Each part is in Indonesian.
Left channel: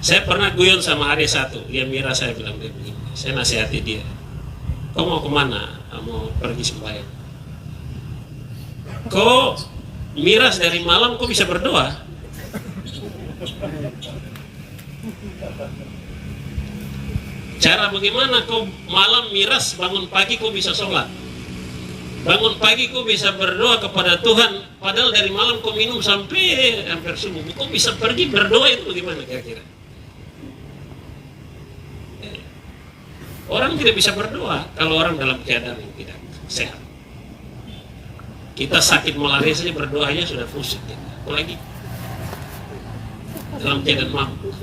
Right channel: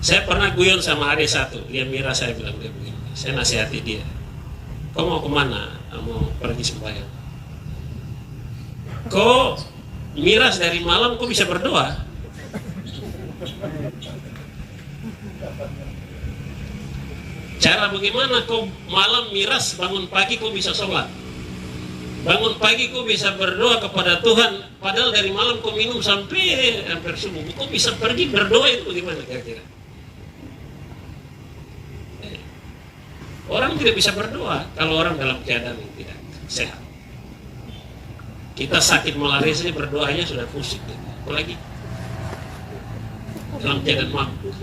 Saya pernah guyon sama hari satu, dia Mira, saya bilang dia begini, saya nasihati dia, kau mau kemana? Mau pergi sembahyang. Kau miras dari malam, kau bisa berdoa. Cara bagaimana kau malam miras, bangun pagi kau bisa sholat. Bangun pagi kau bisa berdoa kepada Tuhan, padahal dari malam kau minum sampai hampir subuh. Kau bisa pergi berdoa, itu gimana kira-kira? Orang tidak bisa berdoa kalau orang dalam keadaan yang tidak sehat. Kita sakit malaria saja berdoanya sudah pusing, apalagi dalam keadaan mampu.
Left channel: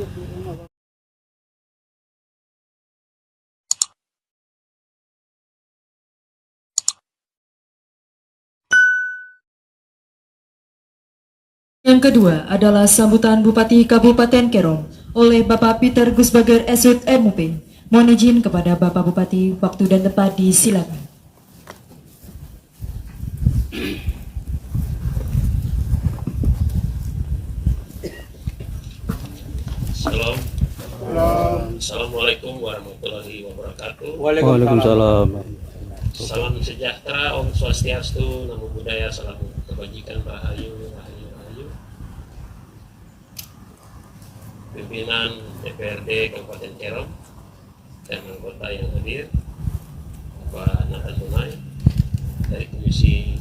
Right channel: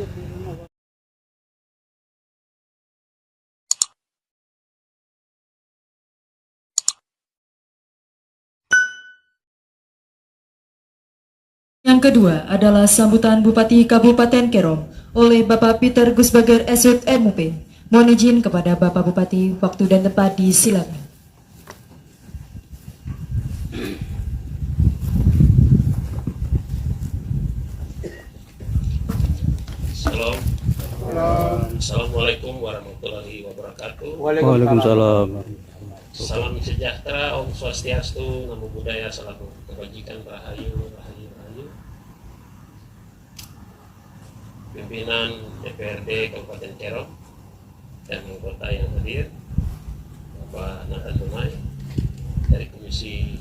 Yang kedua adalah sambutan Bupati Kabupaten Kerom oleh Bapak Peter Gusbager Esut MUP. Mohon izin kepada Bapak Bupati, waktu dan tempat disilakan. Assalamualaikum warahmatullahi wabarakatuh. Waalaikumsalam. Salam sejahtera, Om Swastiastu, Namo Buddhaya, salam kebajikan, rahayu, rahayu, rahayu. Pimpinan DPRD Kabupaten Kerom dan anggota yang hadir, Bapak Nathan Tunai dari Komisi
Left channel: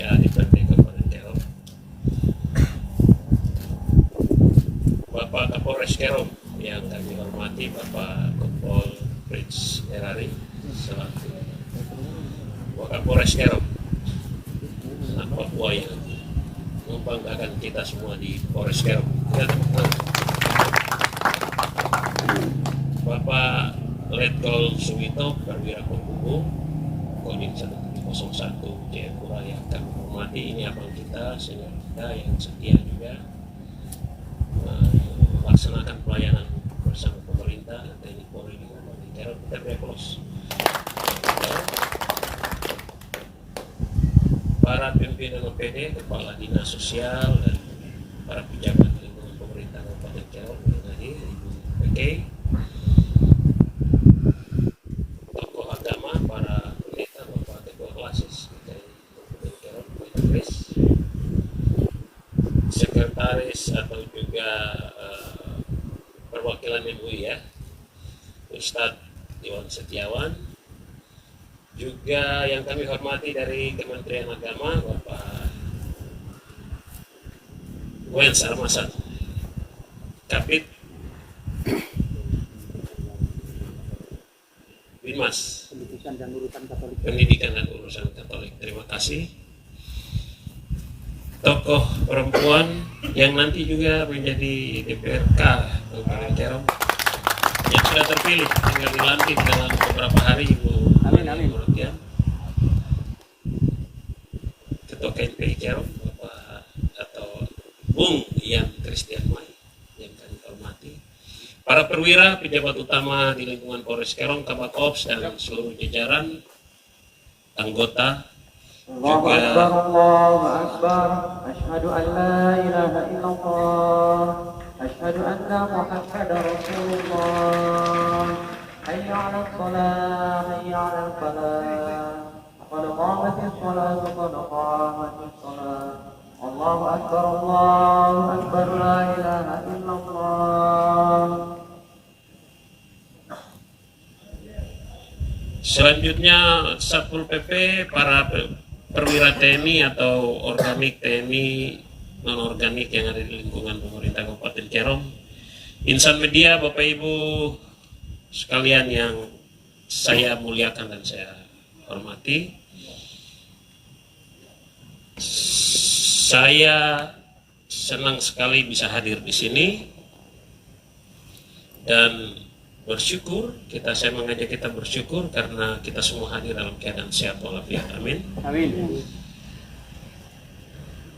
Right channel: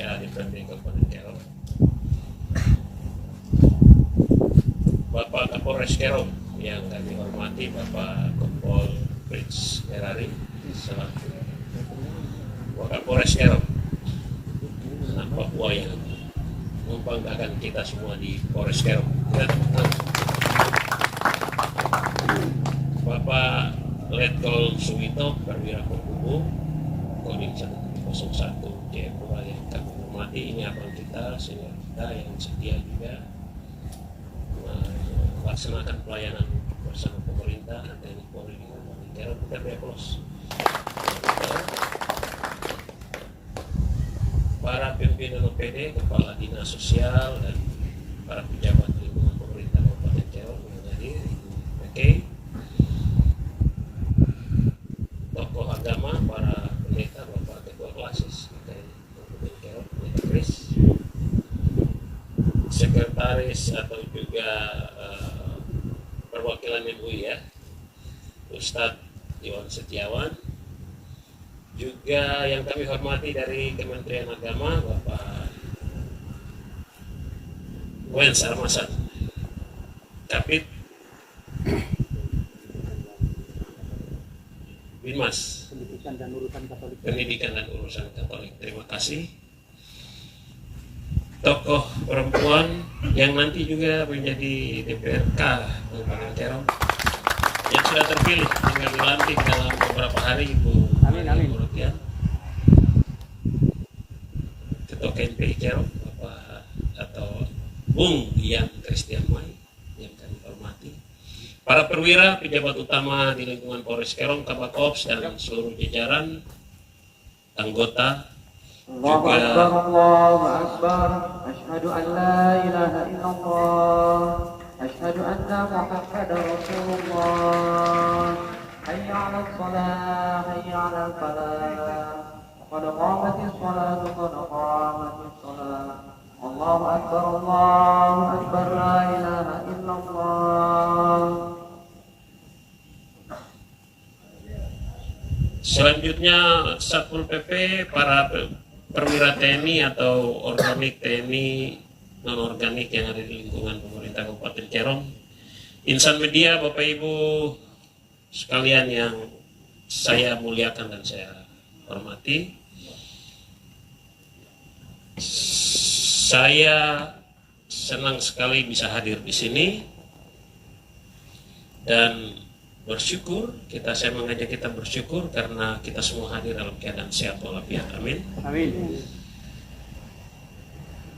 A DPRD Kabupaten Kerom, Bapak Kapolres Kerom yang kami hormati, Bapak Kompol Prince Erari selaku Wakapolres Kerom, anak Papua yang membanggakan kita semua di Polres Kerom. Bapak Letkol Suwito Perwira Penghubung Kodim 1701 Jayapura yang kami hormati, ini abang kita, senior kita yang setia juga melaksanakan pelayanan bersama pemerintah dan TNI Polri di Kabupaten Kerom. Kita beri aplaus. Para pimpinan OPD, kepala dinas sosial dan para pejabat lingkungan pemerintah Kabupaten Kerom yang hadir, Ibu PK, tokoh agama, para pendeta, Bapak Ketua Klasis dari Kabupaten Kerom, Pendeta Kris, sekretaris atau juga perwakilan MUI ya, Ustadz Iwan Setiawan, juga yang kami hormati dari Kementerian Agama, Bapak Wens Armasan, Kapit Bimas Pendidikan dan Urusan Katolik. Terima kasih. Tokoh perempuan yang nanti juga menjadi DPRK Kabupaten Kerom yang sudah terpilih, tinggal dilantik dalam beberapa hari, Ibu. Amin. Ketua KNPI Kerom, Bapak atau Bung Ian Christian Mai yang kami hormati, para perwira pejabat utama di lingkungan Polres Kerom, Kabakops dan seluruh jajaran anggota, juga Allahu Akbar, asyhadu an la ilaha illallah, asyhadu anna Muhammadar Rasulullah, hayya 'alal shalah, hayya 'alal falah, qad qamatis shalah, qad qamatis shalah, Allahu Akbar, la ilaha illallah. Selanjutnya Satpol PP, para perwira TNI atau organik TNI non-organik yang ada di lingkungan pemerintah Kabupaten Kerom, insan media, Bapak Ibu sekalian yang saya muliakan dan saya hormati, saya senang sekali bisa hadir di sini dan bersyukur, saya mengajak kita bersyukur karena kita semua hadir dalam keadaan sehat walafiat. Amin. Amin.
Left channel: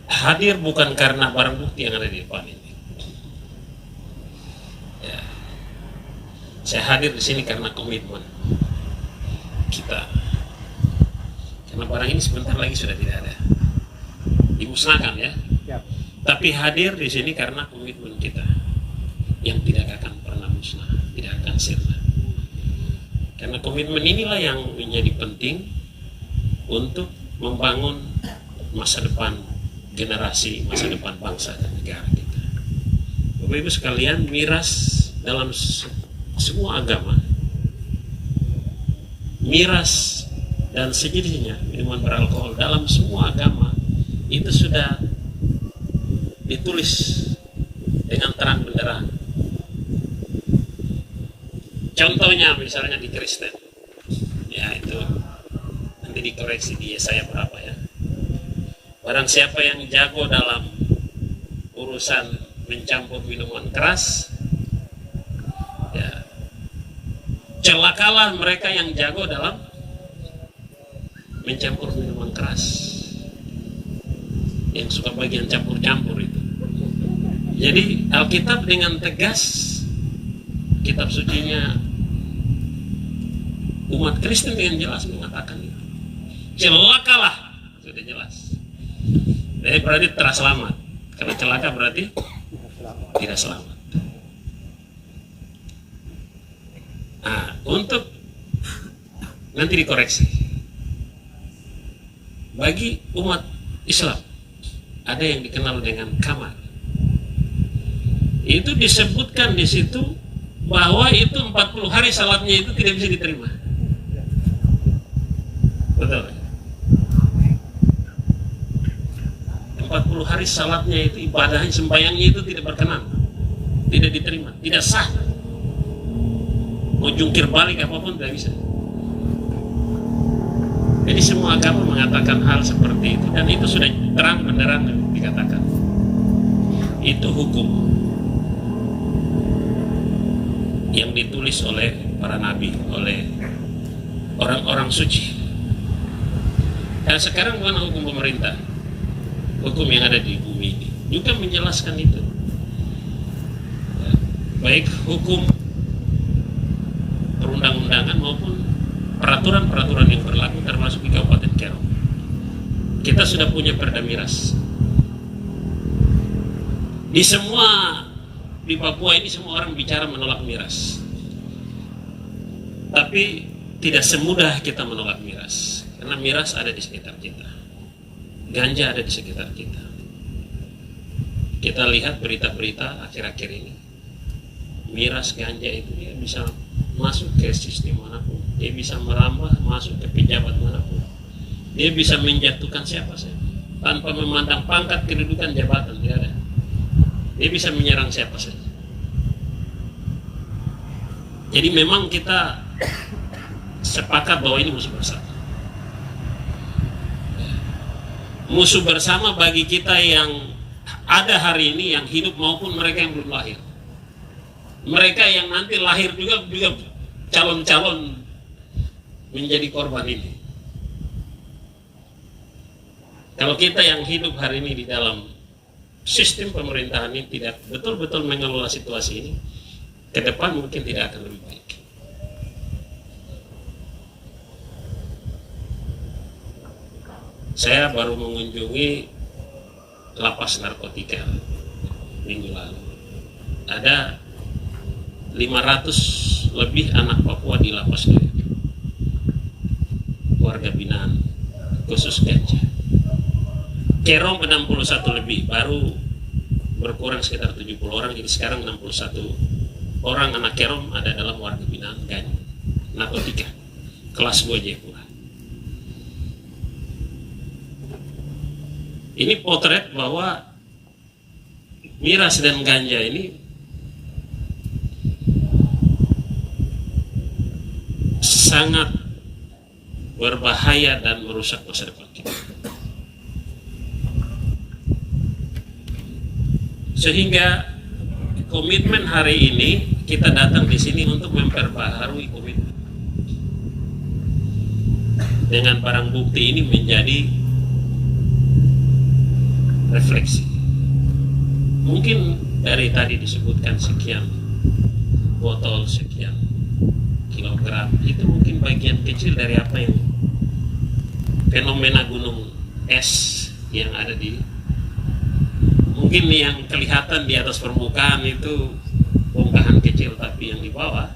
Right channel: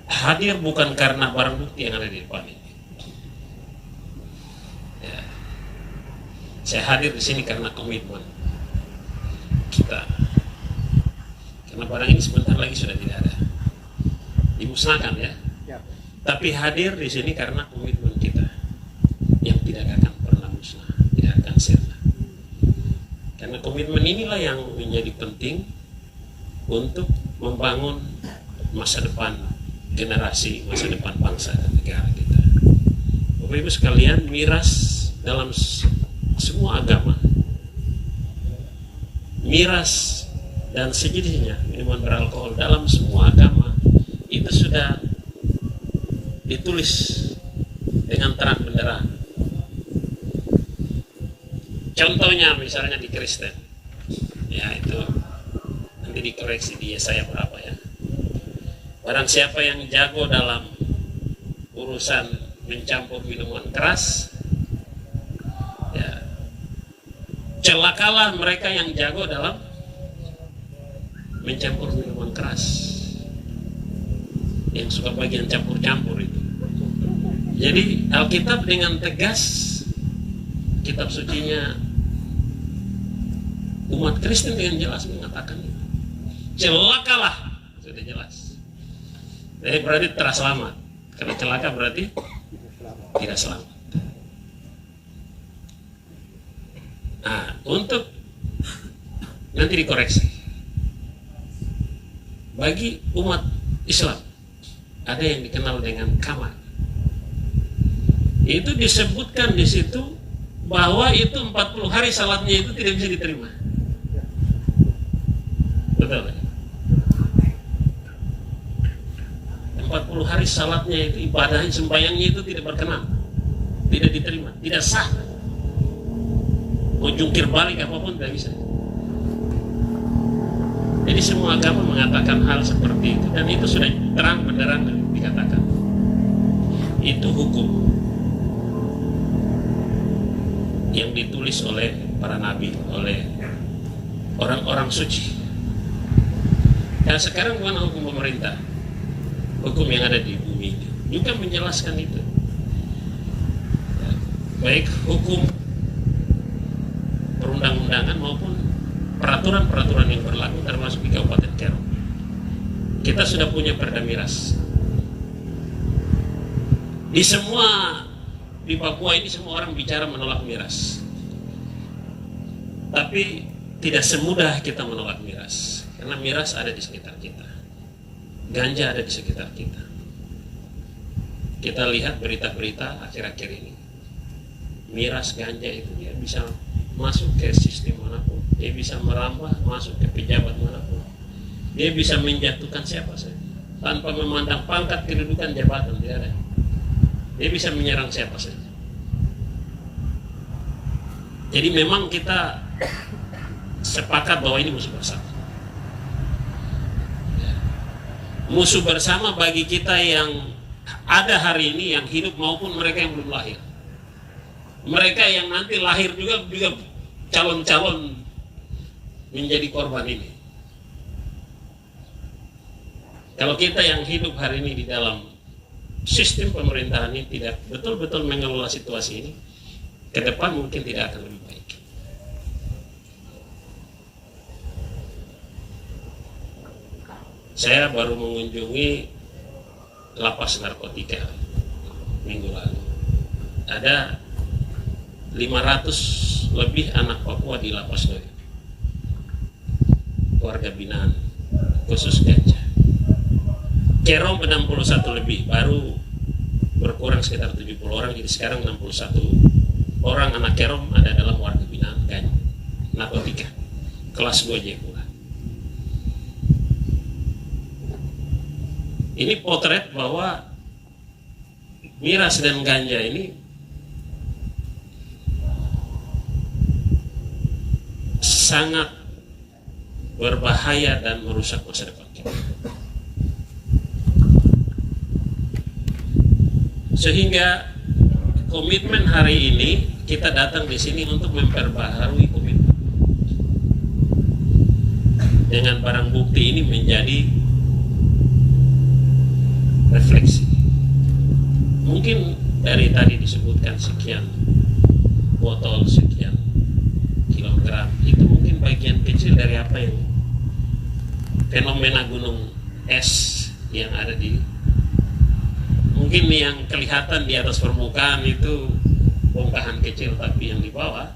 Hadir bukan karena barang bukti yang ada di depan ini. Ya. Saya hadir di sini karena komitmen kita. Karena barang ini sebentar lagi sudah tidak ada, dimusnahkan ya. Tapi hadir di sini karena komitmen kita. yang tidak akan pernah musnah, tidak akan sirna. Karena komitmen inilah yang menjadi penting untuk membangun masa depan generasi, masa depan bangsa dan negara kita. Bapak Ibu sekalian, miras dalam semua agama, miras dan sejenisnya, minuman beralkohol dalam semua agama itu sudah ditulis dengan terang benderang. Contohnya misalnya di Kristen, ya itu nanti dikoreksi di Yesaya berapa ya. Barang siapa yang jago dalam urusan mencampur minuman keras, ya, celakalah mereka yang jago dalam mencampur minuman keras, yang suka bagian campur-campur itu. Jadi Alkitab dengan tegas, kitab sucinya umat Kristen dengan jelas mengatakan itu. Celakalah, sudah jelas. Jadi berarti tidak selamat. Kalau celaka berarti tidak selamat. Nah, untuk nanti dikoreksi. Bagi umat Islam ada yang dikenal dengan kamar. Itu disebutkan di situ bahwa itu 40 hari salatnya itu tidak bisa diterima. Betul. 40 hari salatnya itu, ibadahnya, sembahyangnya itu tidak berkenan, tidak diterima, tidak sah. Mau jungkir balik apapun tidak bisa. Jadi semua agama mengatakan hal seperti itu, dan itu sudah terang benderang dikatakan. Itu hukum yang ditulis oleh para nabi, oleh orang-orang suci. Dan sekarang bukan hukum pemerintah, hukum yang ada di bumi ini juga menjelaskan itu. Baik hukum perundang-undangan maupun peraturan-peraturan yang berlaku termasuk di Kabupaten Kerom. Kita sudah punya perda miras. Di Papua ini semua orang bicara menolak miras. Tapi tidak semudah kita menolak miras. Karena miras ada di sekitar kita. Ganja ada di sekitar kita. Kita lihat berita-berita akhir-akhir ini. Miras ganja itu dia bisa masuk ke sistem manapun. Dia bisa merambah masuk ke pejabat manapun. Dia bisa menjatuhkan siapa saja tanpa memandang pangkat, kedudukan, jabatan, tidak ada. Dia bisa menyerang siapa saja. Jadi memang kita sepakat bahwa ini musuh bersama. Musuh bersama bagi kita yang ada hari ini, yang hidup maupun mereka yang belum lahir. Mereka yang nanti lahir juga calon-calon menjadi korban ini. Kalau kita yang hidup hari ini di dalam sistem pemerintahan ini tidak betul-betul mengelola situasi ini, ke depan mungkin tidak akan lebih baik. Saya baru mengunjungi lapas narkotika minggu lalu. Ada 500 lebih anak Papua di lapas itu, warga binaan khusus ganja. Kerom 61 lebih, baru berkurang sekitar 70 orang, jadi sekarang 61 orang anak Kerom ada dalam warga binaan ganja narkotika kelas 2 Jepura. Ini potret bahwa miras dan ganja ini sangat berbahaya dan merusak masa depan kita. Sehingga komitmen hari ini kita datang di sini untuk memperbaharui komitmen. Dengan barang bukti ini menjadi refleksi. Mungkin dari tadi disebutkan sekian botol, sekian kilogram, itu mungkin bagian kecil dari apa yang fenomena gunung es yang ada di, mungkin yang kelihatan di atas permukaan itu bongkahan kecil, tapi yang di bawah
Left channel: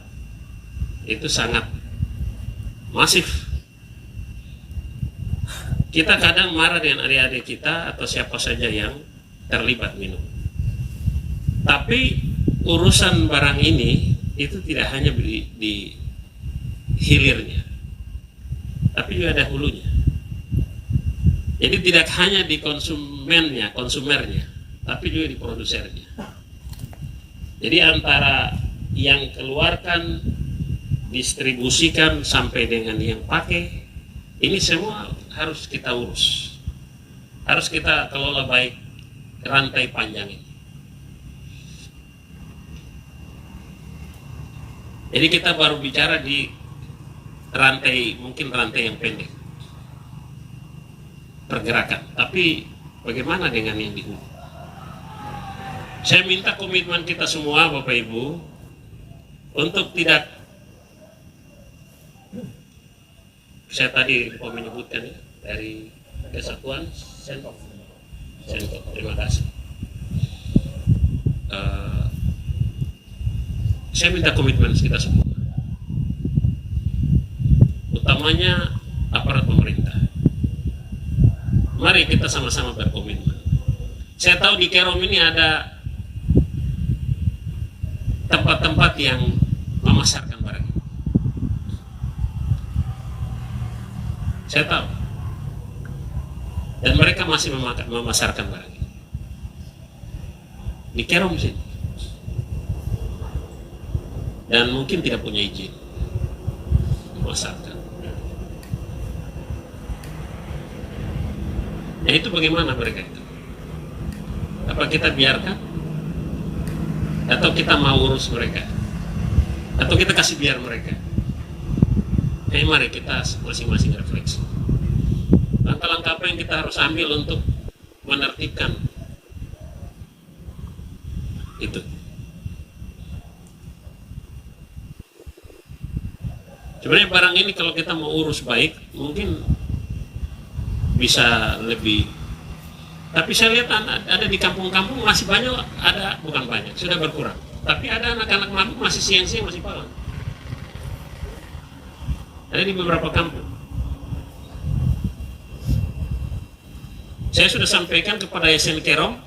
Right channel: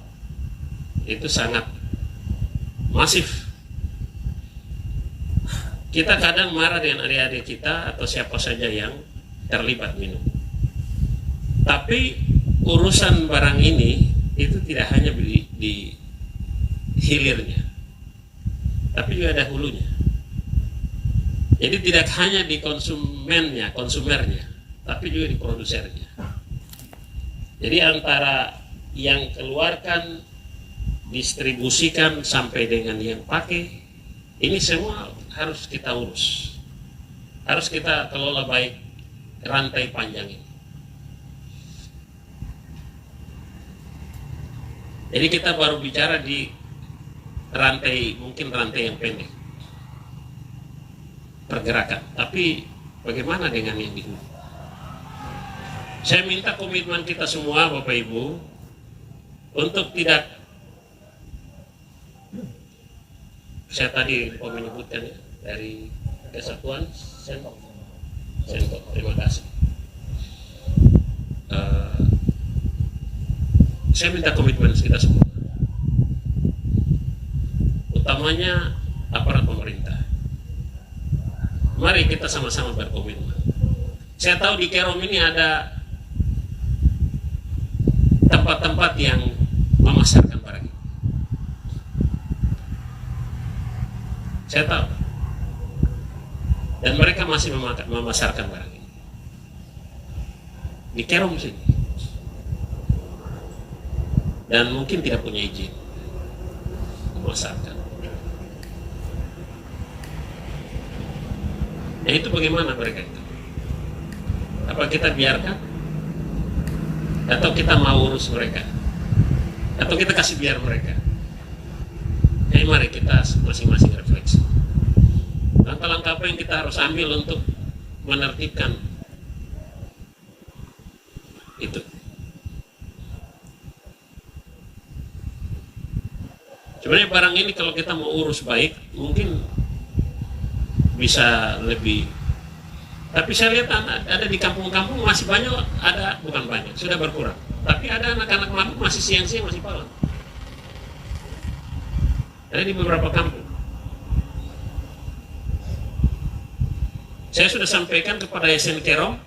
itu sangat masif. Kita kadang marah dengan adik-adik kita atau siapa saja yang terlibat minum. Tapi urusan barang ini itu tidak hanya di hilirnya, tapi juga ada hulunya. Jadi tidak hanya di konsumernya, tapi juga di produsernya. Jadi antara yang keluarkan, distribusikan sampai dengan yang pakai, ini semua harus kita urus, harus kita kelola baik rantai panjang ini. Jadi kita baru bicara di rantai, mungkin rantai yang pendek pergerakan, tapi bagaimana dengan yang di hulu? Saya minta komitmen kita semua, Bapak Ibu, untuk tidak, saya tadi lupa menyebutkan ya, dari Kesatuan Sendok, terima kasih. Saya minta komitmen kita semua, utamanya aparat pemerintah. Mari kita sama-sama berkomitmen. Saya tahu di Kerom ini ada tempat-tempat yang memasarkan barang ini. Saya tahu. Dan mereka masih memasarkan barang ini. Di Kerom sini. Dan mungkin tidak punya izin memasarkan. Nah itu bagaimana mereka itu? Apa kita biarkan? Atau kita mau urus mereka? Atau kita kasih biar mereka? Jadi mari kita masing-masing refleksi. Langkah-langkah apa yang kita harus ambil untuk menertibkan itu? Sebenarnya barang ini kalau kita mau urus baik, mungkin bisa lebih. Tapi saya lihat ada di kampung-kampung masih banyak, ada bukan banyak, sudah berkurang. Tapi ada anak-anak mabuk masih siang-siang masih pawang. Ada di beberapa kampung. Saya sudah sampaikan kepada SN Kerom,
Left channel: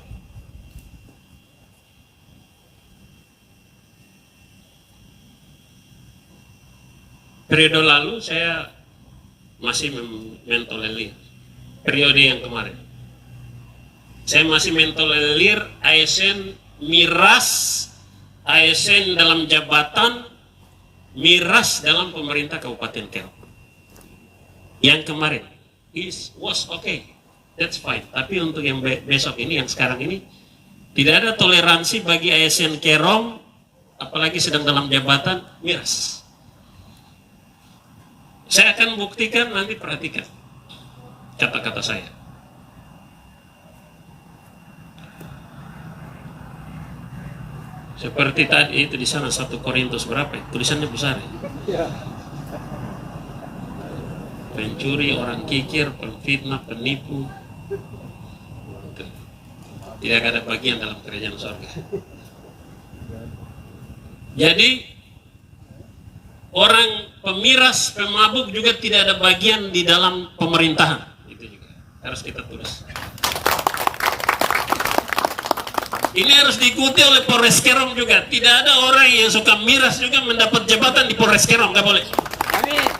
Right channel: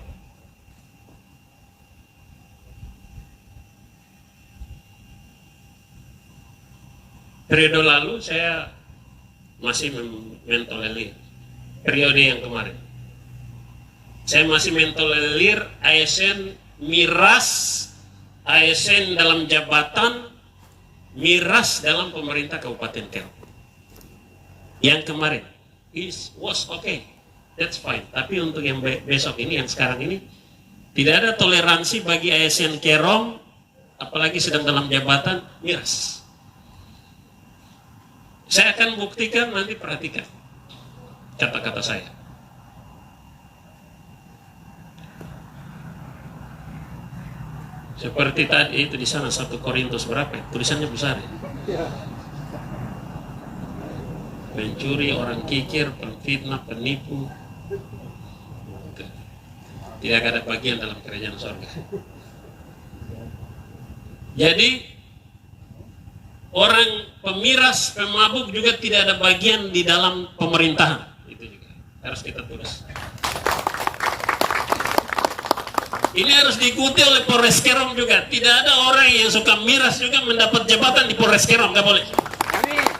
periode lalu saya masih mentolerir periode yang kemarin. Saya masih mentolerir ASN miras, ASN dalam jabatan, miras dalam pemerintah Kabupaten Kerom. Yang kemarin was okay, that's fine. Tapi untuk yang besok ini, yang sekarang ini, tidak ada toleransi bagi ASN Kerom, apalagi sedang dalam jabatan miras. Saya akan buktikan, nanti perhatikan kata-kata saya. Seperti tadi itu di sana 1 Korintus berapa? Tulisannya besar ya. Pencuri, orang kikir, penfitnah, penipu, tidak ada bagian dalam kerajaan surga. Jadi orang pemiras, pemabuk juga tidak ada bagian di dalam pemerintahan. Itu juga harus kita tulis. Ini harus diikuti oleh Polres Kerom juga. Tidak ada orang yang suka miras juga mendapat jabatan di Polres Kerom, nggak boleh. Amin.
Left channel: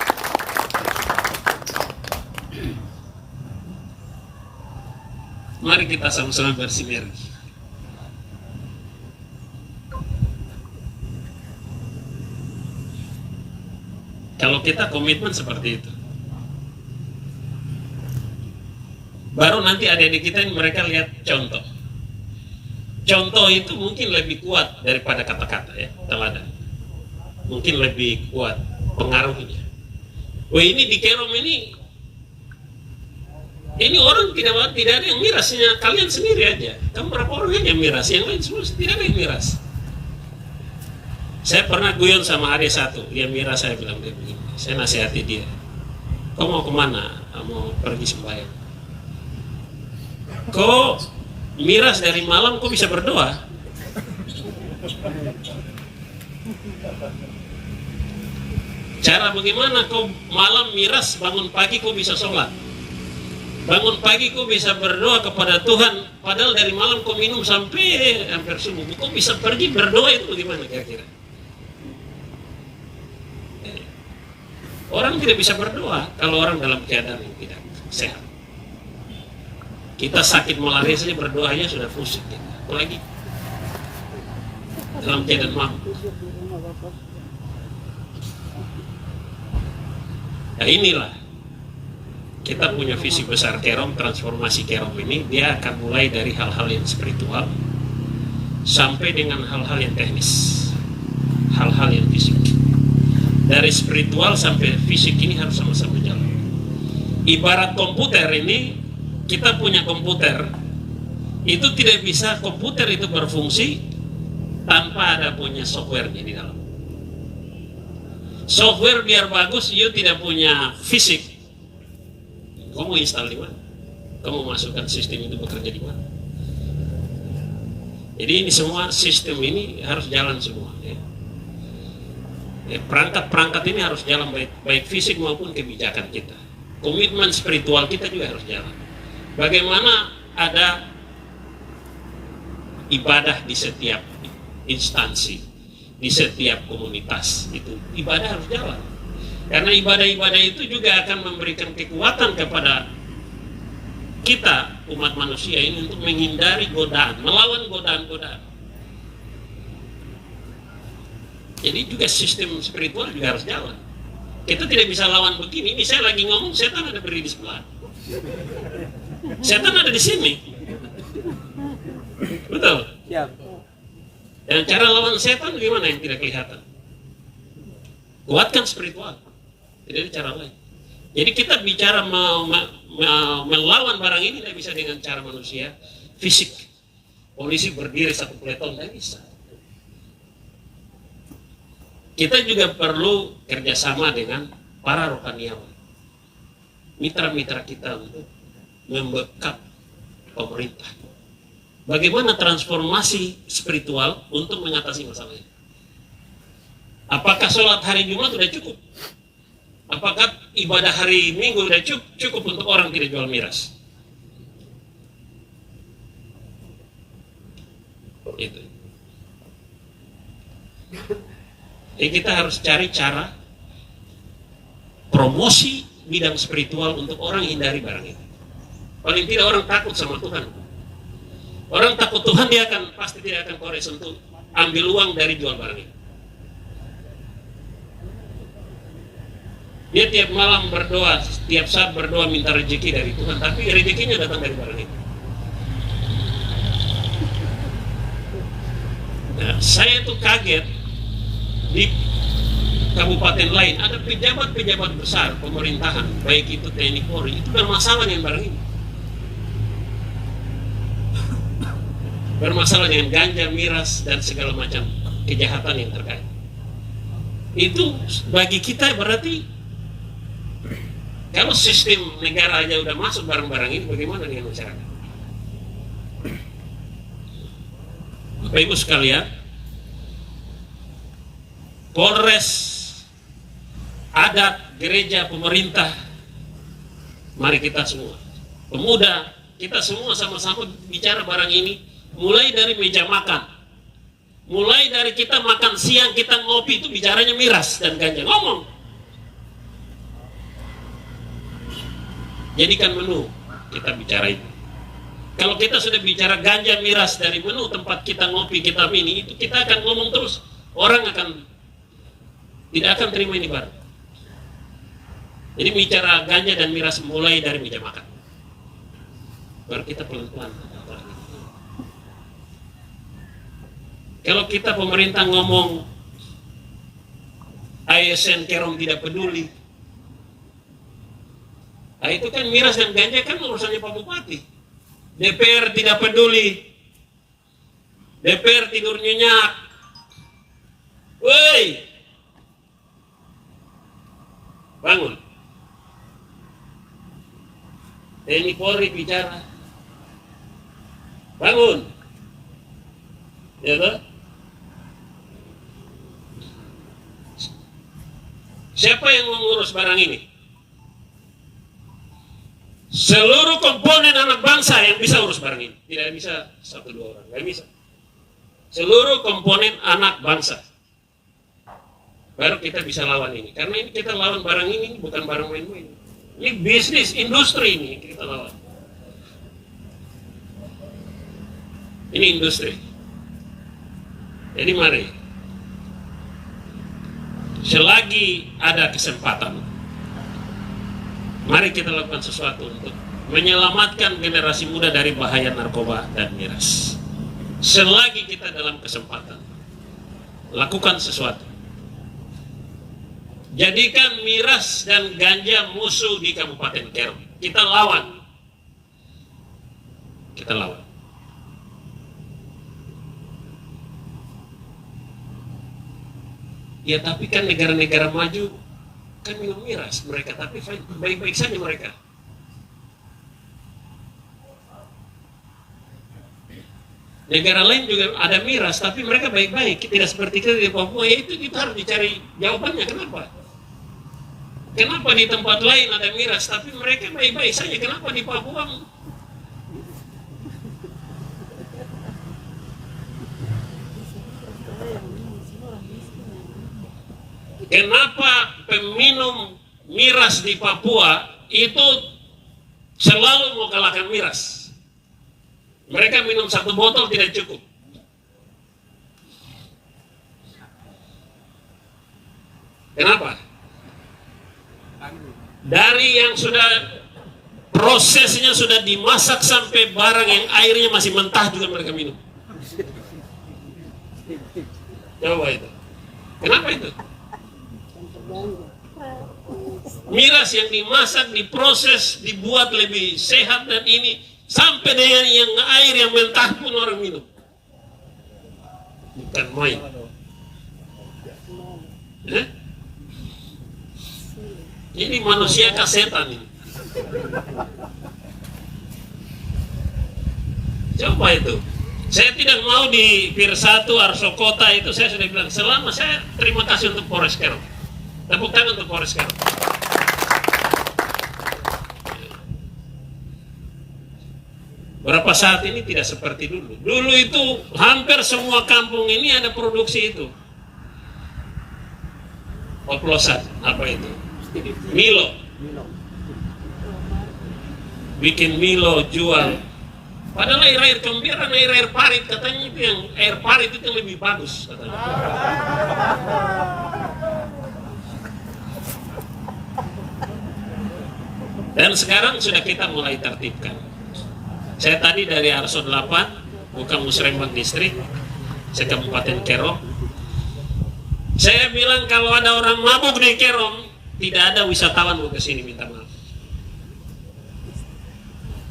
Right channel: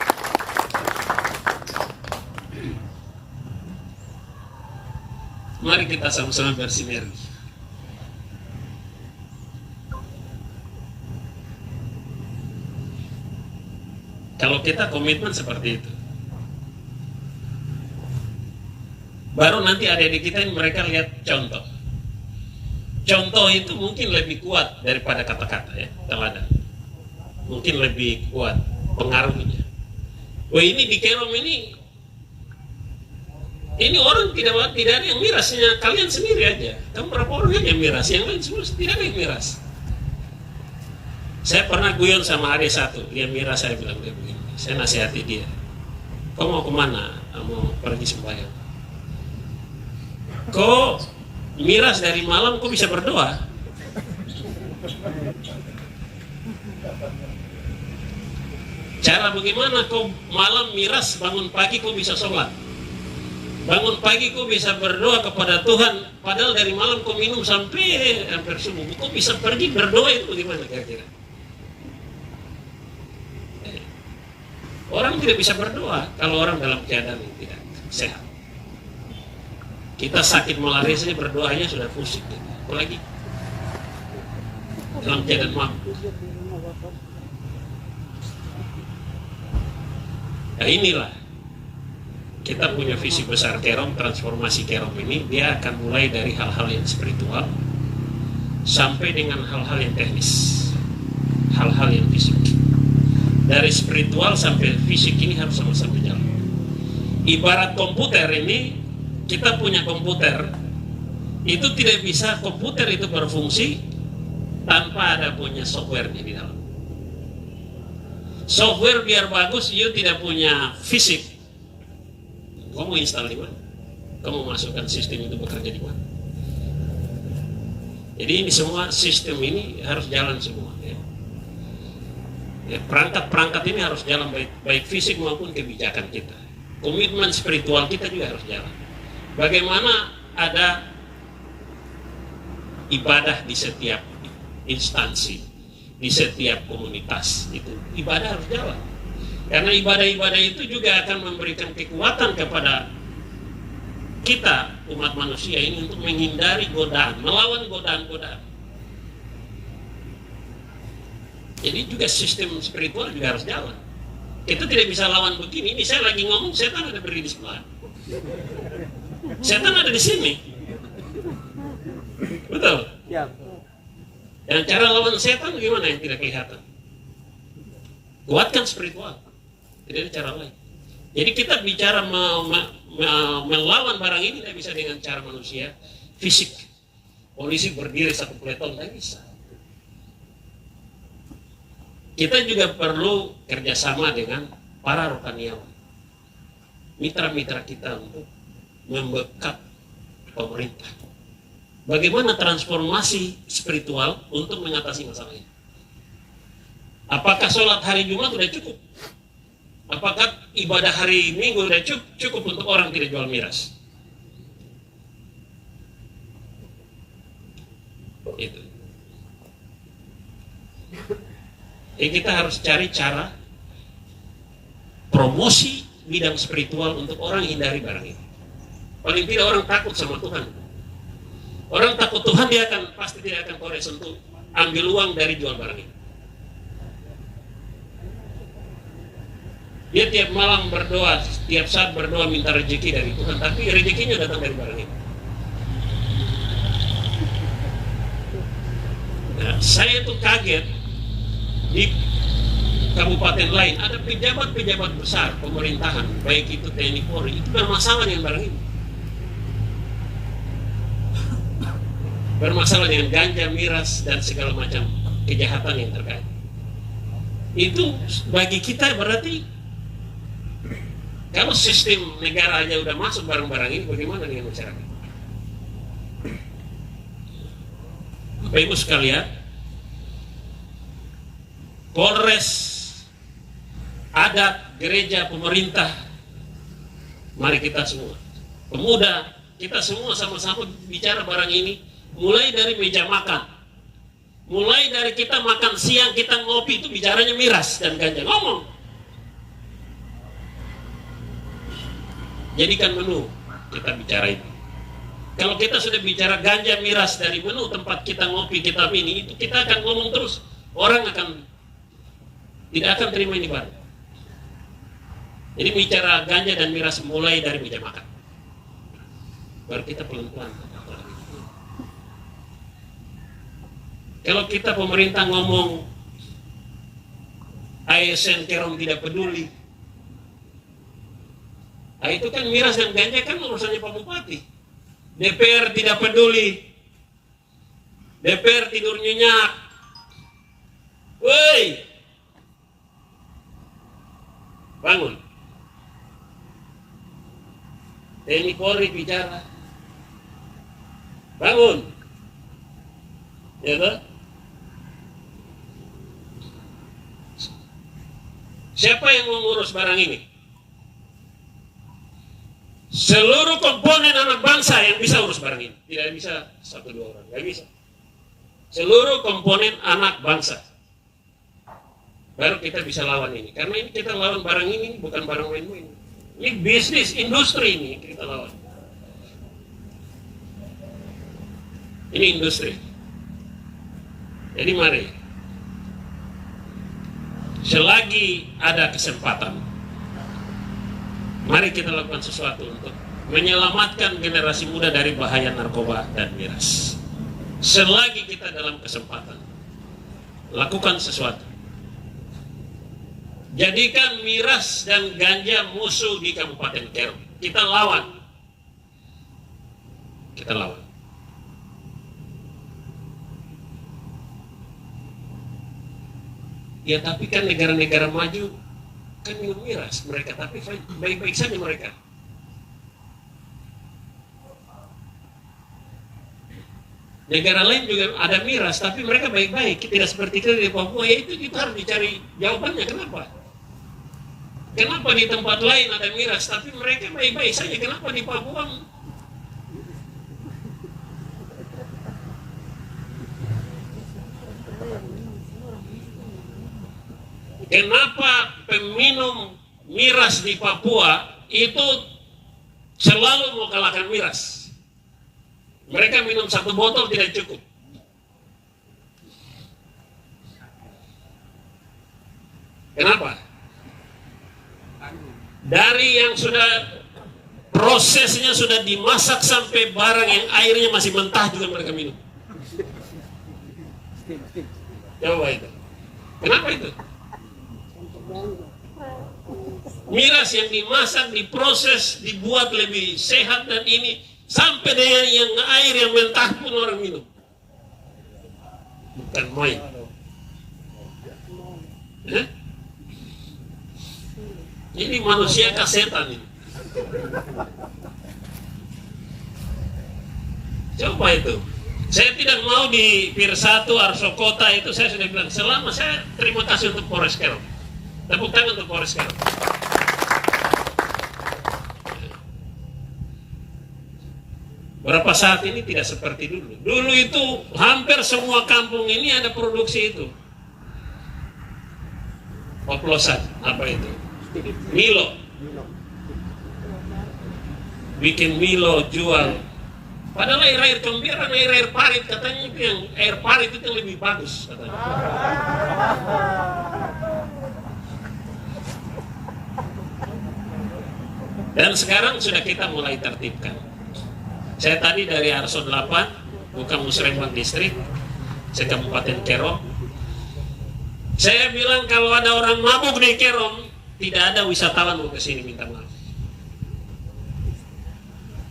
Mari kita sama-sama bersinergi. Kalau kita komitmen seperti itu, baru nanti adik-adik kita yang mereka lihat contoh. Contoh itu mungkin lebih kuat daripada kata-kata ya, teman-teman. Mungkin lebih kuat pengaruhnya. Wah ini di Kerom ini orang tidak ada yang miras, hanya kalian sendiri aja. Kamu berapa orang aja yang miras, yang lain semua tidak ada yang miras. Saya pernah guyon sama adik satu, dia miras, saya bilang dia begini. Saya nasihati dia, kau mau kemana? Mau pergi sembahyang. Kau miras dari malam, kau bisa berdoa. Cara bagaimana kau malam miras, bangun pagi kau bisa sholat, bangun pagi kau bisa berdoa kepada Tuhan, padahal dari malam kau minum sampai hampir subuh, kau bisa pergi berdoa, itu gimana kira-kira? Orang tidak bisa berdoa kalau orang dalam keadaan yang tidak sehat. Kita sakit malaria saja berdoanya sudah pusing, apalagi dalam keadaan mabuk. Nah inilah kita punya visi besar Kerom, transformasi Kerom ini dia akan mulai dari hal-hal yang spiritual sampai dengan hal-hal yang teknis, hal-hal yang fisik. Dari spiritual sampai fisik ini harus sama-sama jalan. Ibarat komputer ini, kita punya komputer, itu tidak bisa komputer itu berfungsi tanpa ada punya software di dalam. Software biar bagus, you tidak punya fisik. Kamu install di mana? Kamu masukkan sistem itu bekerja di mana? Jadi ini semua sistem ini harus jalan semua. Ya. Perangkat-perangkat ini harus jalan baik fisik maupun kebijakan kita. Komitmen spiritual kita juga harus jalan. Bagaimana ada ibadah di setiap instansi, di setiap komunitas, itu ibadah harus jalan. Karena ibadah-ibadah itu juga akan memberikan kekuatan kepada kita umat manusia ini untuk menghindari godaan, melawan godaan-godaan. Jadi juga sistem spiritual juga harus jalan. Itu tidak bisa lawan begini. Ini saya lagi ngomong, setan ada berdiri di sebelah. Setan ada di sini. Betul? Ya. Dan cara lawan setan gimana yang tidak kelihatan? Kuatkan spiritual. Tidak ada cara lain. Jadi kita bicara melawan barang ini tidak bisa dengan cara manusia fisik. Polisi berdiri satu peleton, tidak bisa. Kita juga perlu kerjasama dengan para rohaniawan, mitra-mitra kita untuk membekap pemerintah. Bagaimana transformasi spiritual untuk mengatasi masalah ini? Apakah sholat hari Jumat sudah cukup? Apakah ibadah hari Minggu sudah cukup untuk orang tidak jual miras? Itu. Jadi kita harus cari cara promosi bidang spiritual untuk orang hindari barang ini. Paling tidak orang takut sama Tuhan. Orang takut Tuhan, dia akan pasti tidak akan korek sentuh, ambil uang dari jual barang ini. Dia tiap malam berdoa, tiap saat berdoa minta rezeki dari Tuhan, tapi rezekinya datang dari barang ini. Nah, saya itu kaget di kabupaten lain ada pejabat-pejabat besar pemerintahan, baik itu TNI Polri, itu bermasalah dengan barang ini. Bermasalah dengan ganja, miras, dan segala macam kejahatan yang terkait. Itu bagi kita berarti kalau sistem negara aja udah masuk barang-barang ini, bagaimana dengan masyarakat? Bapak Ibu sekalian, Polres, adat, gereja, pemerintah, mari kita semua, pemuda, kita semua sama-sama bicara barang ini, mulai dari meja makan, mulai dari kita makan siang, kita ngopi, itu bicaranya miras dan ganja, ngomong. Jadikan menu, kita bicara itu. Kalau kita sudah bicara ganja, miras dari menu tempat kita ngopi, kita ini, itu kita akan ngomong terus. Orang tidak akan terima ini baru. Jadi bicara ganja dan miras mulai dari meja makan. Baru kita pelan-pelan. Kalau kita pemerintah ngomong ASN Kerom tidak peduli, nah, itu kan miras dan ganja kan urusannya Pak Bupati. DPR tidak peduli, DPR tidur nyenyak. Woi, bangun. TNI Polri bicara, bangun. Ya toh? Siapa yang mengurus barang ini? Seluruh komponen anak bangsa yang bisa urus barang ini. Tidak bisa 1-2 orang, nggak bisa. Seluruh komponen anak bangsa. Baru kita bisa lawan ini. Karena ini kita lawan barang ini, bukan barang main-main. Ini bisnis, industri ini kita lawan. Ini industri. Jadi mari, selagi ada kesempatan, mari kita lakukan sesuatu untuk menyelamatkan generasi muda dari bahaya narkoba dan miras. Selagi kita dalam kesempatan, lakukan sesuatu. Jadikan miras dan ganja musuh di Kabupaten Kerom. Kita lawan. Kita lawan. Ya tapi kan negara-negara maju kan minum miras mereka, tapi baik-baik saja mereka. Negara lain juga ada miras, tapi mereka baik-baik. Tidak seperti kita di Papua. Ya itu kita harus dicari jawabannya. Kenapa? Kenapa di tempat lain ada miras, tapi mereka baik-baik saja? Kenapa di Papua? Kenapa peminum miras di Papua itu selalu mau kalahkan miras? Mereka minum 1 botol tidak cukup. Kenapa? Dari yang sudah prosesnya sudah dimasak sampai barang yang airnya masih mentah juga mereka minum. Coba itu. Kenapa itu? Miras yang dimasak, diproses, dibuat lebih sehat dan ini sampai dengan yang air yang mentah pun orang minum. Bukan main. Ini manusia kah setan ini? Coba itu. Saya tidak mau di Pir 1 Arso Kota itu, saya sudah bilang selama saya terima kasih untuk Polres Kerom. Tepuk tangan untuk Polres Kerom. Berapa saat ini tidak seperti dulu. Dulu itu hampir semua kampung ini ada produksi itu. Oplosan, apa itu? Milo. Bikin Milo, jual. Padahal air kombiran, air parit, katanya itu yang air parit itu lebih bagus, katanya. Dan sekarang sudah kita mulai tertibkan. Saya tadi dari Arso 8, bukan Musrembang Distrik, saya Kabupaten Kerom. Saya bilang kalau ada orang mabuk di Kerom, tidak ada wisatawan mau ke sini minta maaf.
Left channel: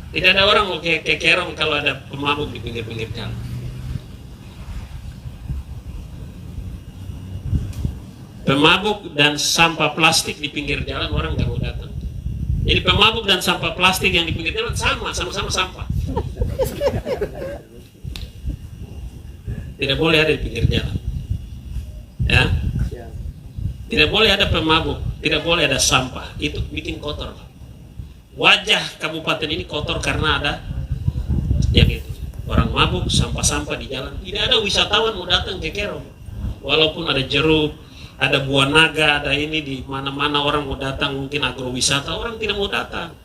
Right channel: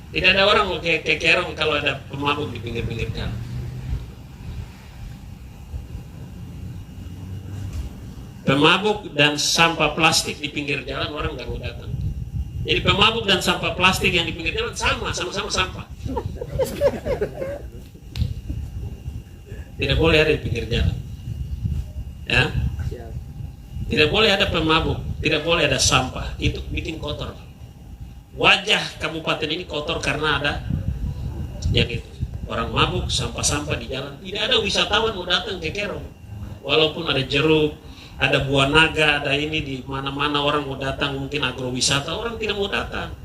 Tidak ada orang mau ke Kerom kalau ada pemabuk di pinggir-pinggir jalan. Pemabuk dan sampah plastik di pinggir jalan orang nggak mau datang. Jadi pemabuk dan sampah plastik yang di pinggir jalan sama-sama sampah. Tidak boleh ada di pinggir jalan. Ya. Tidak boleh ada pemabuk, tidak boleh ada sampah. Itu bikin kotor. Wajah kabupaten ini kotor karena ada jadi orang mabuk, sampah-sampah di jalan. Tidak ada wisatawan mau datang ke Kerom. Walaupun ada jeruk, ada buah naga, ada ini di mana-mana orang mau datang, mungkin agrowisata, orang tidak mau datang.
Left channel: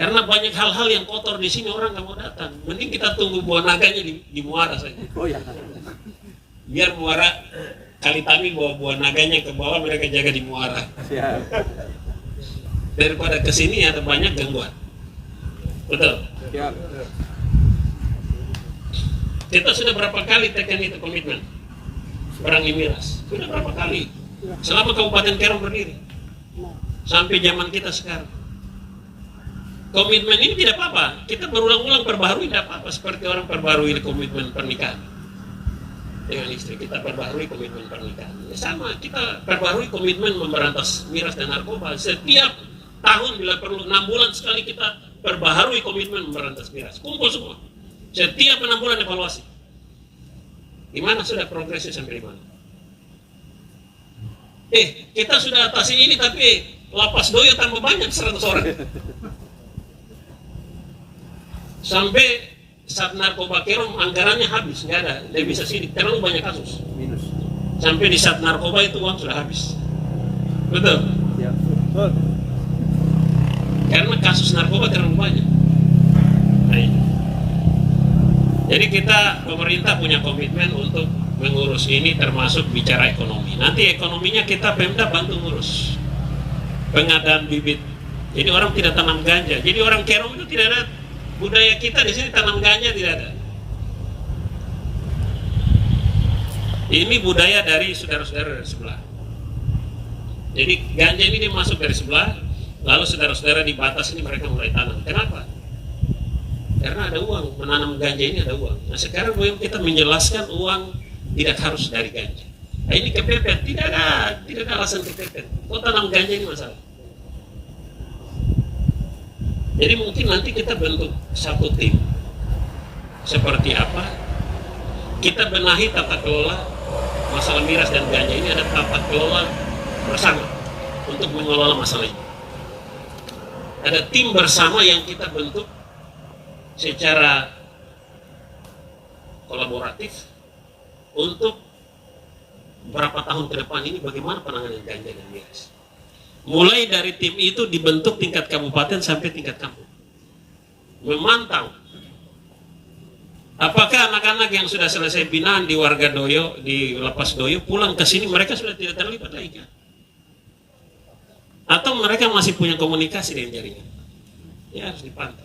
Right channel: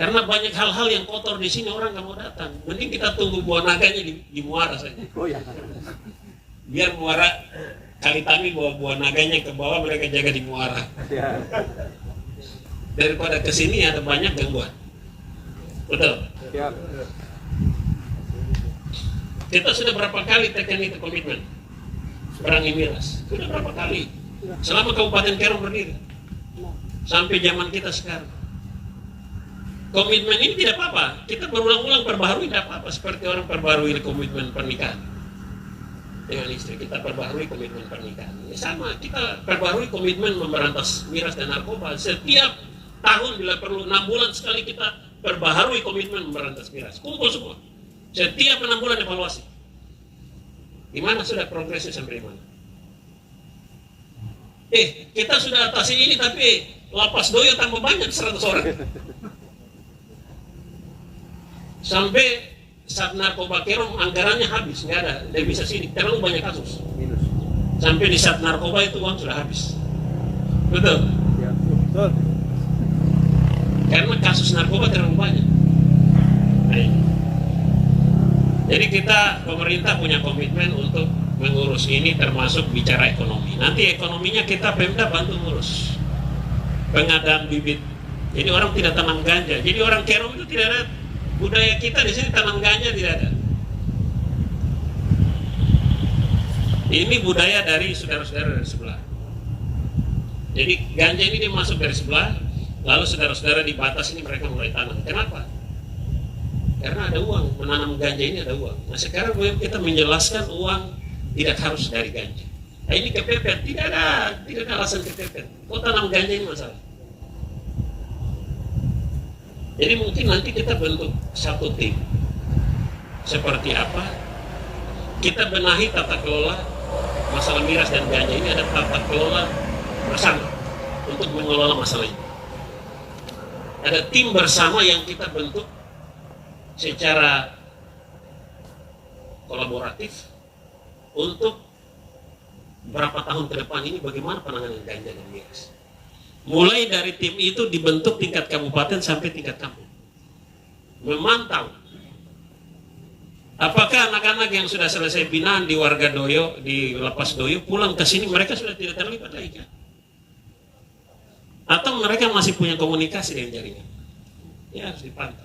Karena banyak hal-hal yang kotor di sini orang nggak mau datang. Mending kita tunggu buah naganya di Muara saja. Biar Muara kali kami bawa buah naganya ke bawah, mereka jaga di Muara. Daripada ke sini ada banyak gangguan. Betul. Kita sudah berapa kali tekan itu komitmen berangi miras. Sudah berapa kali? Selama Kabupaten Kerom berdiri. Sampai zaman kita sekarang. Komitmen ini tidak apa-apa. Kita berulang-ulang perbaharui tidak apa-apa. Seperti orang perbaharui komitmen pernikahan. Dengan istri kita perbaharui komitmen pernikahan. Ya sama, kita perbaharui komitmen memberantas miras dan narkoba. Setiap tahun bila perlu 6 bulan sekali kita perbaharui komitmen memberantas miras. Kumpul semua. Setiap 6 bulan evaluasi. Di mana sudah progresnya sampai di mana? Kita sudah atasi ini tapi lapas Doyo tambah banyak 100 orang. Sampai saat narkoba Kerom anggarannya habis, nggak ada, tidak bisa sidik, terlalu banyak kasus. Sampai di saat narkoba itu uang sudah habis. Betul? Ya, betul. Karena kasus narkoba terlalu banyak. Nah, ini. Jadi kita, pemerintah punya komitmen untuk mengurus ini termasuk bicara ekonomi. Nanti ekonominya kita Pemda bantu ngurus. Pengadaan bibit. Jadi orang tidak tanam ganja. Jadi orang Kerom itu tidak ada, budaya kita di sini tanam ganja tidak ada. Ini budaya dari saudara-saudara dari sebelah. Jadi ganja ini dia masuk dari sebelah, lalu saudara-saudara di batas ini mereka mulai tanam. Kenapa? Karena ada uang, menanam ganja ini ada uang. Nah sekarang kita menjelaskan uang tidak harus dari ganja. Nah ini kepepet, tidak ada alasan kepepet. Kok tanam ganja ini masalah? Jadi mungkin nanti kita bentuk satu tim. Seperti apa? Kita benahi tata kelola masalah miras dan ganja ini, ada tata kelola bersama untuk mengelola masalah ini. Ada tim bersama yang kita bentuk secara kolaboratif untuk berapa tahun ke depan ini bagaimana penanganan ganja dan miras. Mulai dari tim itu dibentuk tingkat kabupaten sampai tingkat kampung. Memantau apakah anak-anak yang sudah selesai binaan di warga Doyo, di lapas Doyo, pulang ke sini mereka sudah tidak terlibat lagi. Atau mereka masih punya komunikasi dengan jaringan. Ya harus dipantau.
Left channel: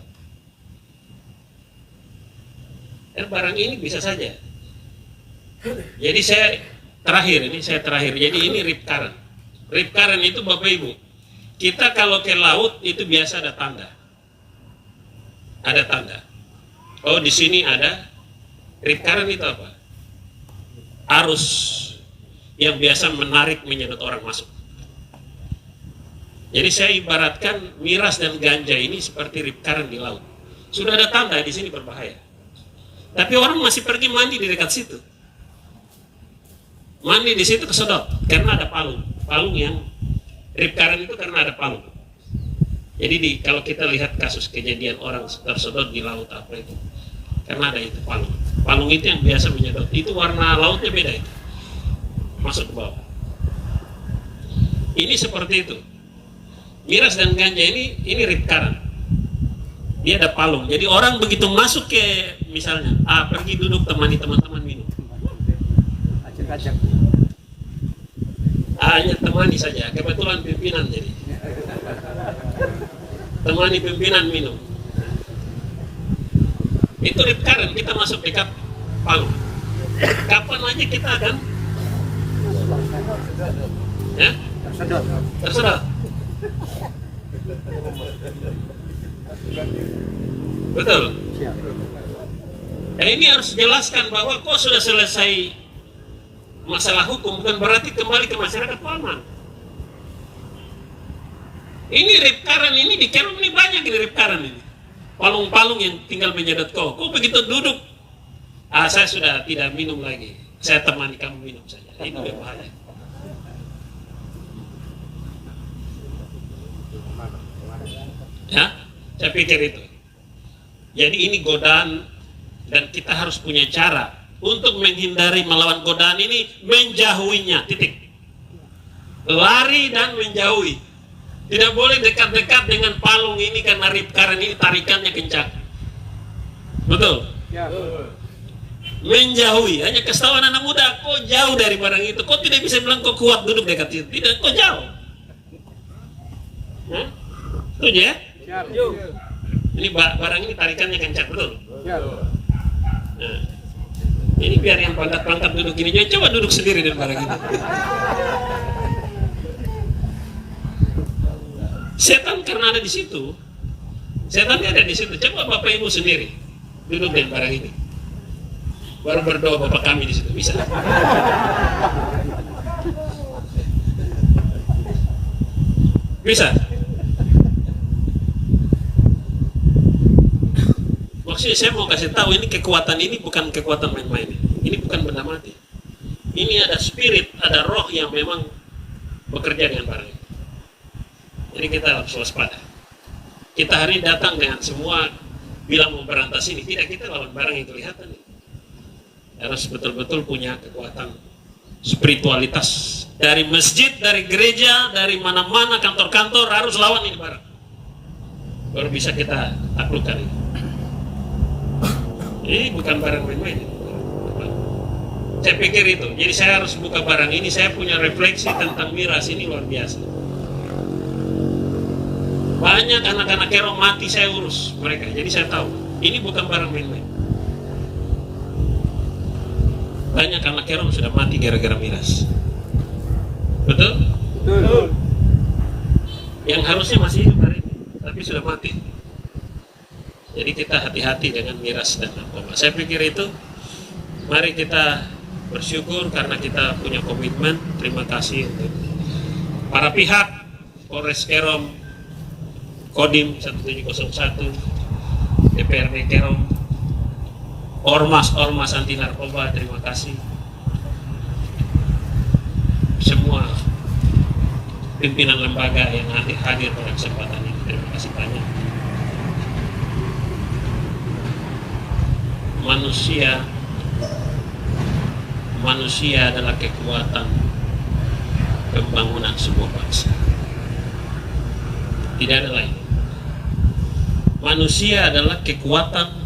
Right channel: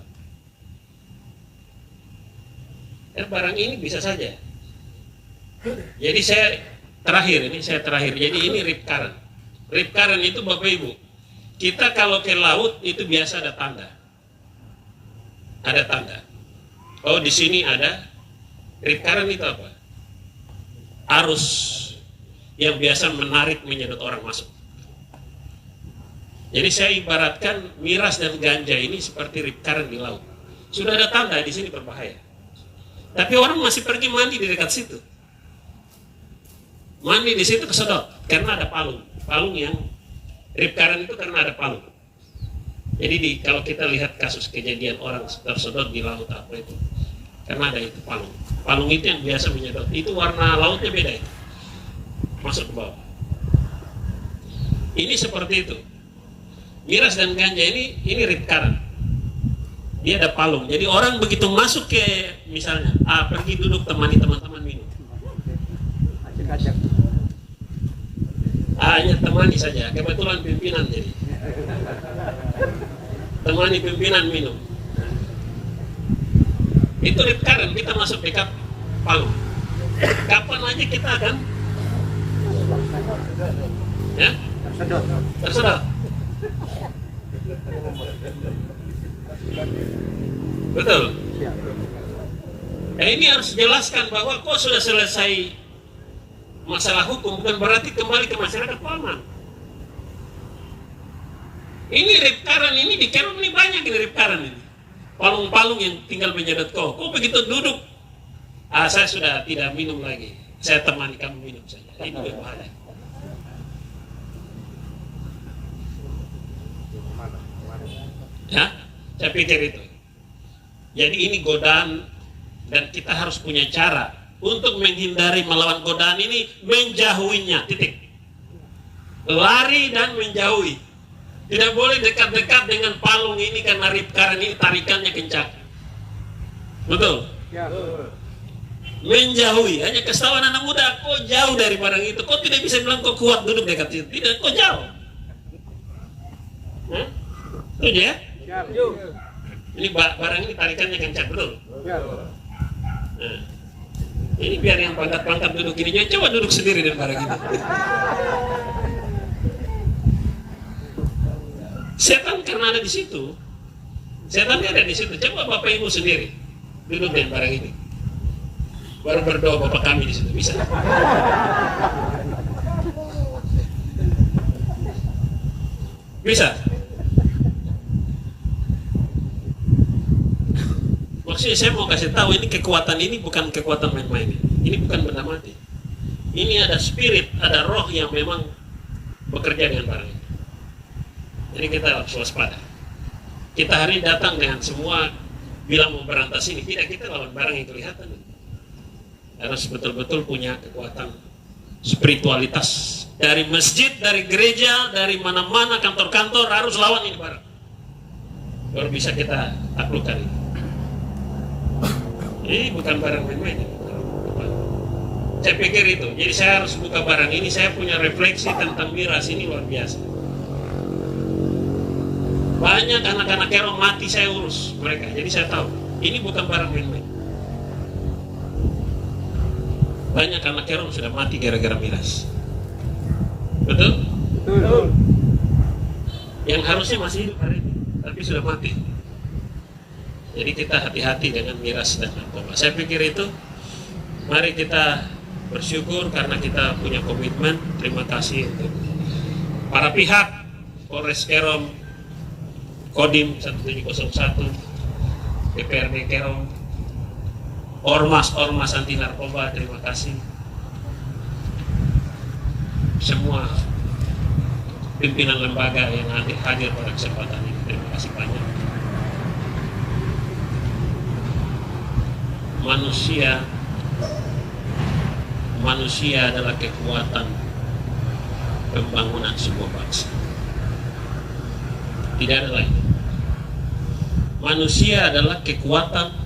Barang ini bisa saja. Jadi saya terakhir. Jadi ini rip current. Rip current itu Bapak Ibu, kita kalau ke laut itu biasa ada tanda. Ada tanda. Oh di sini ada rip current itu apa? Arus yang biasa menarik menyedot orang masuk. Jadi saya ibaratkan miras dan ganja ini seperti rip current di laut. Sudah ada tanda di sini berbahaya. Tapi orang masih pergi mandi di dekat situ. Mandi di situ kesedot karena ada palung. Palung yang rip current itu karena ada palung. Jadi kalau kita lihat kasus kejadian orang tersedot di laut apa itu, karena ada itu palung. Palung itu yang biasa menyedot. Itu warna lautnya beda itu. Masuk ke bawah. Ini seperti itu. Miras dan ganja ini rip current. Dia ada palung. Jadi orang begitu masuk ke misalnya, pergi duduk temani teman-teman minum. Acak-acak. Hanya temani saja. Kebetulan pimpinan jadi. Temani pimpinan minum. Itu rip current, kita masuk dekat palung. Kapan aja kita akan? Ya? Tersedot. Betul. Nah, ini harus jelaskan bahwa kok sudah selesai masalah hukum, bukan berarti kembali ke masyarakat aman. Ini rip current ini di Kerom ini banyak ini rip current ini. Palung-palung yang tinggal menyedot kok begitu duduk, saya sudah tidak minum lagi. Saya temani kamu minum saja. Ini berbahaya. Ya, saya pikir itu. Jadi ini godaan dan kita harus punya cara untuk menghindari melawan godaan ini, menjauhinya, titik. Lari dan menjauhi. Tidak boleh dekat-dekat dengan palung ini karena rip current ini tarikannya kencang. Betul? Ya. Menjauhi. Hanya kesalahan anak muda, kok jauh dari barang itu. Kok tidak bisa bilang kok kuat duduk dekat itu. Tidak, kok jauh. Hah? Setuju ya? Siap. Ini barang ini tarikannya kencang, betul? Ya. Nah, ini biar yang pangkat-pangkat duduk gini, jadi coba duduk sendiri dengan barang ini. Setan karena ada di situ. Setan ada di situ. Coba Bapak Ibu sendiri duduk dengan barang ini. Baru berdoa Bapak kami di situ. Bisa? Bisa? Maksudnya saya mau kasih tahu ini kekuatan ini bukan kekuatan main-main. Ini bukan benda mati. Ini ada spirit, ada roh yang memang bekerja dengan barang. Jadi kita harus waspada. Kita hari ini datang dengan semua bilang mau berantas ini, tidak, kita lawan barang yang kelihatan. Harus betul-betul punya kekuatan spiritualitas. Dari masjid, dari gereja, dari mana-mana, kantor-kantor harus lawan ini barang. Baru bisa kita taklukkan ini. Ini bukan barang main-main. Saya pikir itu. Jadi saya harus buka barang ini. Saya punya refleksi tentang miras ini luar biasa. Banyak anak-anak Kerom mati, saya urus mereka. Jadi saya tahu. Ini bukan barang main-main. Banyak anak Kerom sudah mati gara-gara miras. Betul? Betul. Yang harusnya masih hidup hari ini, tapi sudah mati. Jadi kita hati-hati dengan miras dan narkoba. Saya pikir itu. Mari kita bersyukur karena kita punya komitmen. Terima kasih untuk para pihak, Polres Kerom, Kodim 1701, DPRD Kerom, Ormas anti narkoba, terima kasih. Semua pimpinan lembaga yang hadir pada kesempatan ini, terima kasih banyak. Manusia adalah kekuatan pembangunan sebuah bangsa. Tidak ada lain. Manusia adalah kekuatan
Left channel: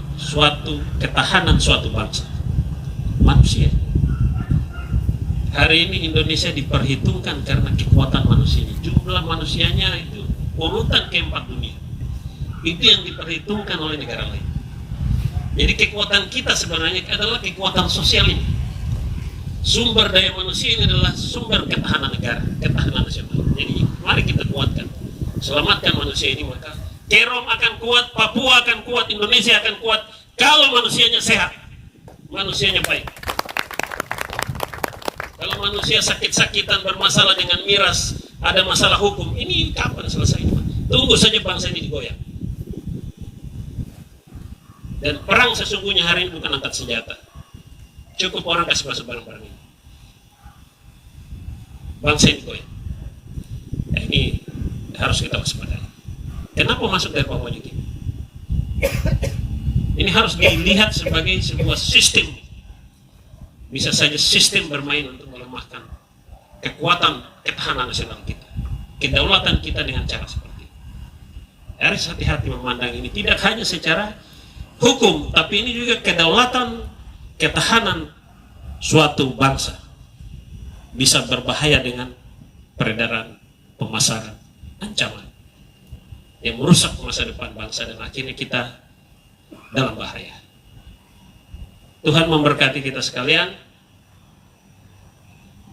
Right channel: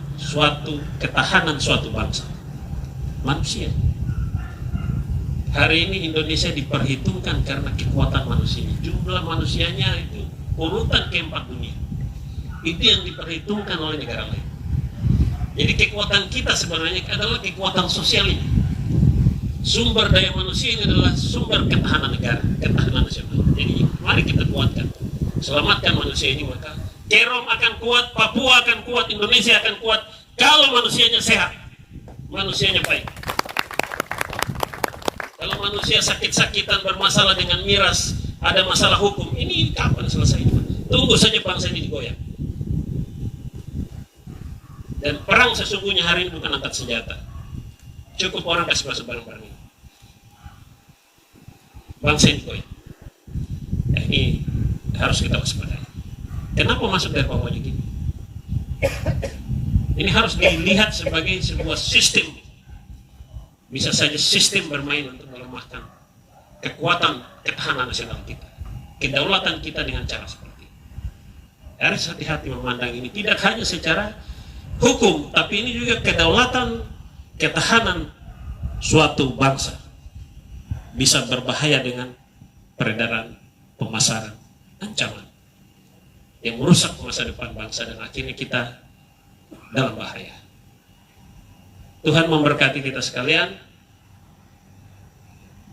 ketahanan suatu bangsa. Manusia. Hari ini Indonesia diperhitungkan karena kekuatan manusia. Jumlah manusianya itu urutan keempat dunia. Itu yang diperhitungkan oleh negara lain. Jadi kekuatan kita sebenarnya adalah kekuatan sosial ini. Sumber daya manusia ini adalah sumber ketahanan negara, ketahanan nasional. Jadi mari kita kuatkan, selamatkan manusia ini, maka Kerom akan kuat, Papua akan kuat, Indonesia akan kuat kalau manusianya sehat, manusianya baik. Kalau manusia sakit-sakitan bermasalah dengan miras, ada masalah hukum, ini kapan selesainya? Tunggu saja bangsa ini digoyang. Dan perang sesungguhnya hari ini bukan angkat senjata. Cukup orang kasih masuk barang-barang ini. Bangsa ini goyang. Ya, ini harus kita waspadai. Kenapa masuk dari bawah ini? Ini harus dilihat sebagai sebuah sistem. Bisa saja sistem bermain untuk melemahkan kekuatan ketahanan nasional kita. Kedaulatan kita dengan cara seperti ini. Harus hati-hati memandang ini. Tidak hanya secara hukum, tapi ini juga kedaulatan, ketahanan suatu bangsa. Bisa berbahaya dengan peredaran, pemasaran, ancaman yang merusak masa depan bangsa dan akhirnya kita dalam bahaya. Tuhan memberkati kita sekalian.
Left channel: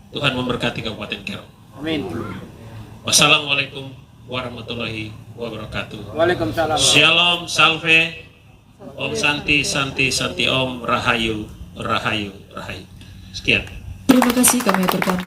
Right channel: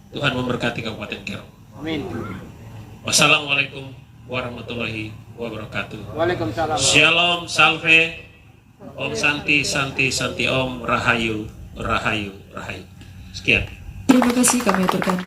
Tuhan memberkati Kabupaten Kerom. Amin. Wassalamualaikum warahmatullahi wabarakatuh. Waalaikumsalam. Shalom, salve, Om Santi, Santi, Santi Om, Rahayu, Rahayu, Rahayu. Sekian. Terima kasih kami aturkan.